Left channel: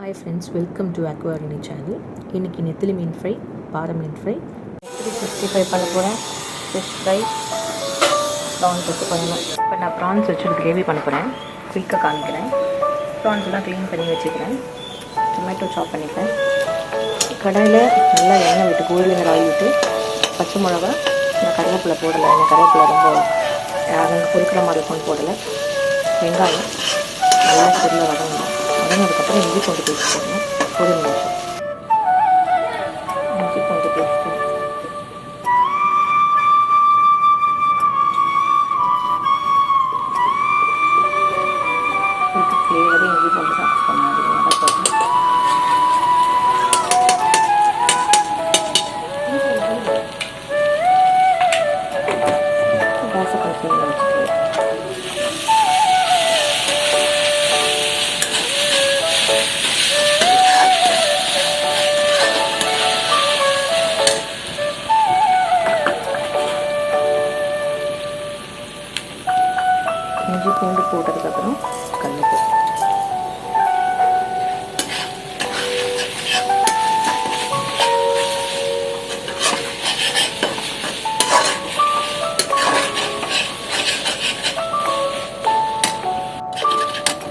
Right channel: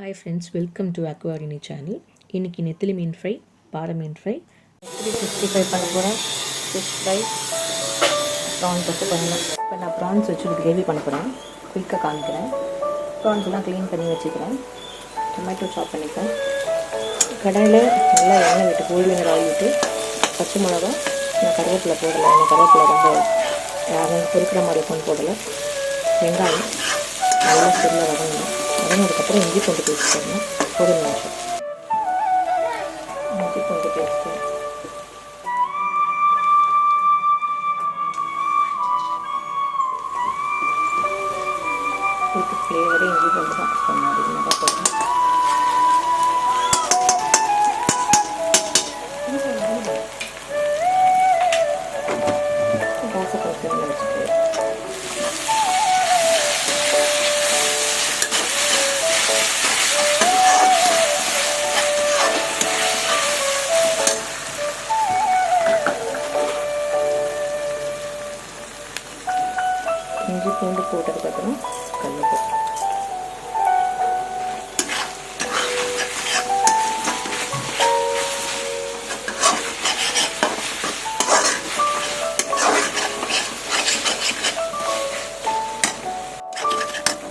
Hi friends welcome to அக்வாரினி channel இன்றைக்கி நெத்திலி மீன் ஃப்ரை பாறை மீன் ஃப்ரை நெத்திலி சிக்ஸ்டி ஃபைவ் பண்ண போகிறேன் ஃபிஷ் ஃப்ரை ப்ரான்ஸ் வச்சு பண்ணணும். இப்போ நான் ப்ரான்ஸ் வச்சு கிரேவி பண்ண போகிறேன் குயிக்காக காமிக்கிறேன். ப்ரான்ஸ் எல்லாம் க்ளீன் பண்ணி வச்சுக்கிறேன். டொமேட்டோ சாப் பண்ணிப்பேன் கடாயில் நல்லா எண்ணெய் விட்டு கோல்டு வினர் ஆயில் விட்டு பச்சை மிளகா நான் கருவேப்பிலை போடலை. எனக்கு கருவேப்பிலை ரொம்ப அங்கே பொறுக்கிற மாதிரி இருக்கும்னு போடலை. வெங்காயம் நல்லா பொருளை வதங்கணும். வதங்கினதுக்கப்புறம் இஞ்சி பூண்டு பேஸ்ட் போடணும் ஒரு நிமிஷம் இஞ்சி பூண்டு பேஸ்ட்டு இதுக்கு ஃப்ளேவரே இஞ்சி பூண்டு தான் கொஞ்சம் அதிகமாக தான் போடணும் கேஸை கொஞ்சம் வச்சுட்டு இஞ்சி பூண்டு போட்டதுக்கப்புறம் கல்லுப்பு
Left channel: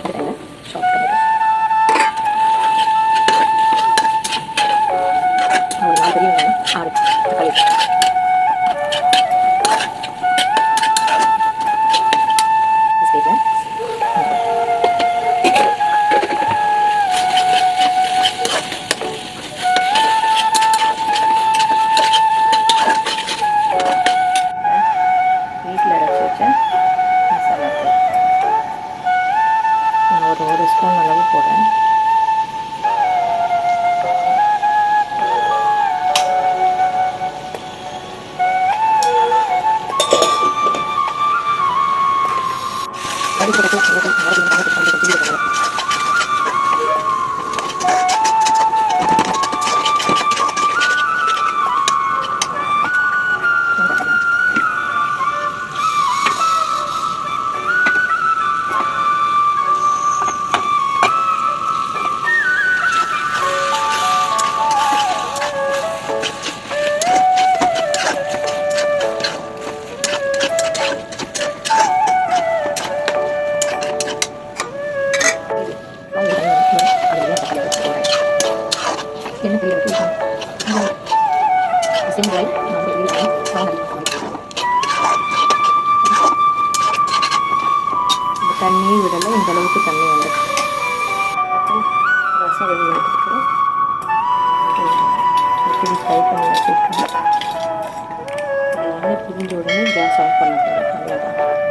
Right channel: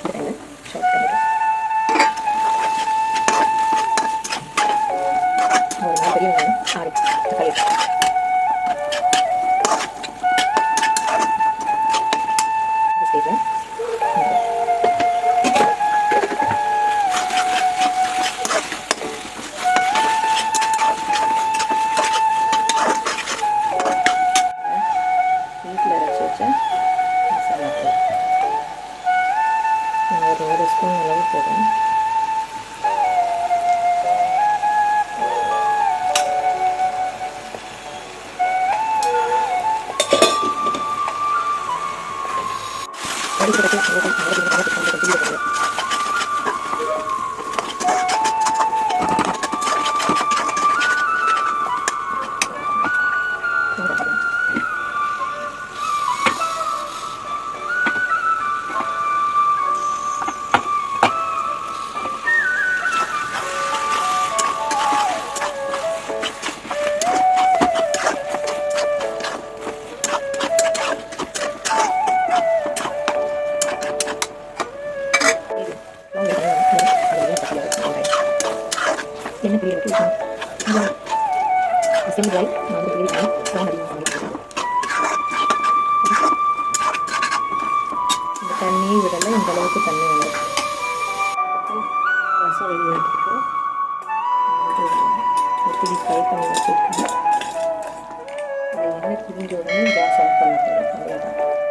இதுல சாப் டொமேட்டோஸ் ஒரு நாலு பெரிய வெங்காயம் ஆறு தக்காளி ஸ்பூன் அளவு போடுறேன் அடிப்படை என்ன பெரிய ரைட் நான் பெரிய ரைட் இந்த தண்ணி விடலை இந்த அளவுக்கு தண்ணி வந்து ரசம் வெளியே எடுத்துருக்கோம் எப்படி ஃப்ரை பண்ணி வச்சுருக்கேன் எண்ணெய் பிரிஞ்ச உடனே கேஸ் ஆஃப் பண்ண போகிறேன் அவ்வளோதான்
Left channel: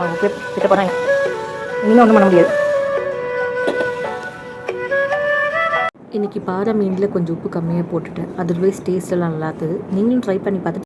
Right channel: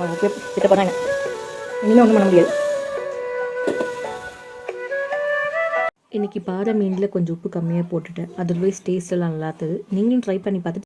அவங்க கிட்ட போகிறாங்க இனிமேல் ஒன்றும் பண்ண முடியாது. இன்றைக்கி பாறை மீனில் கொஞ்சம் உப்பு கம்மியாக போட்டுட்டேன். அதர்வைஸ் டேஸ்ட் எல்லாம் நல்லா இருந்தது நீங்களும் ட்ரை பண்ணி பார்த்துட்டு